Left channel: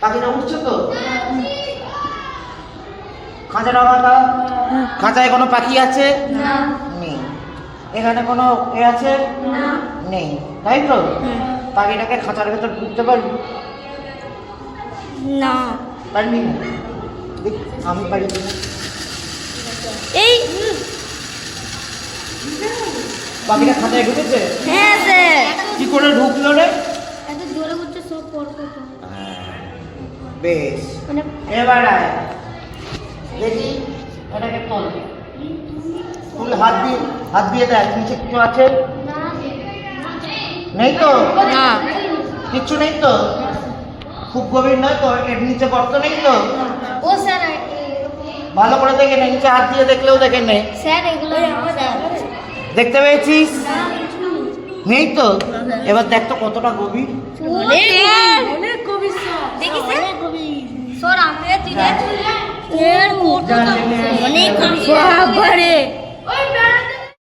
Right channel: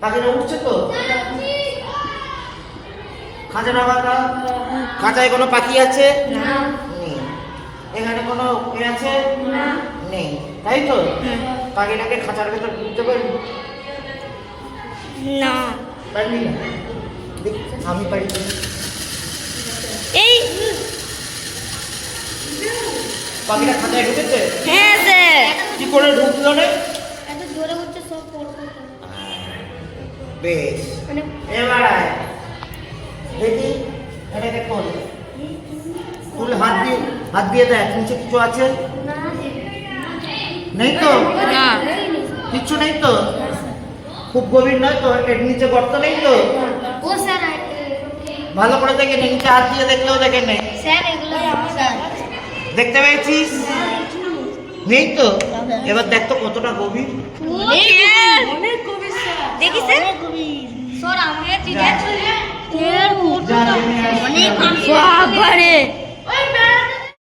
পাখিটা উঠছে তো? খাঁচা নাগাটা খাঁচায় কোনো পাখি আছে? নেই। এখানে কোনো এ আছে? নেই, তাই তো? পাখিটাকে খাঁচার ভেতর ঢুকতে পারবি? না। পারবি না? দেখ, আমি পারি না। এই পাখিটা খাঁচায় ঢুকেছে? হ্যাঁ স্যার। কি করে ঢুকলো রে? এত জোরে করছে সব পড় বেশ, এবার আয় দেখি এটাকে খোল। তুই হাত দিয়ে দেখ নিচে কিছু আছে? নেই তো? না। কিচ্ছু নেই তো? খুব গভীর নয় তো? এর নিচে গর্ত নেই তো? ও স্যার, ভালো করে দেখে নে, নিচে হাত দিয়ে দেখলেও দেখে নে। স্যার এগুলো আমাদের দেখতে পেয়েছিস? নেই তো? এবার দেখ তো কতটা গভীর। অনেক গভীর স্যার। দেখি স্যার স্যার আমরা ঠিক আছে যা, নেমে আয়। বাবারে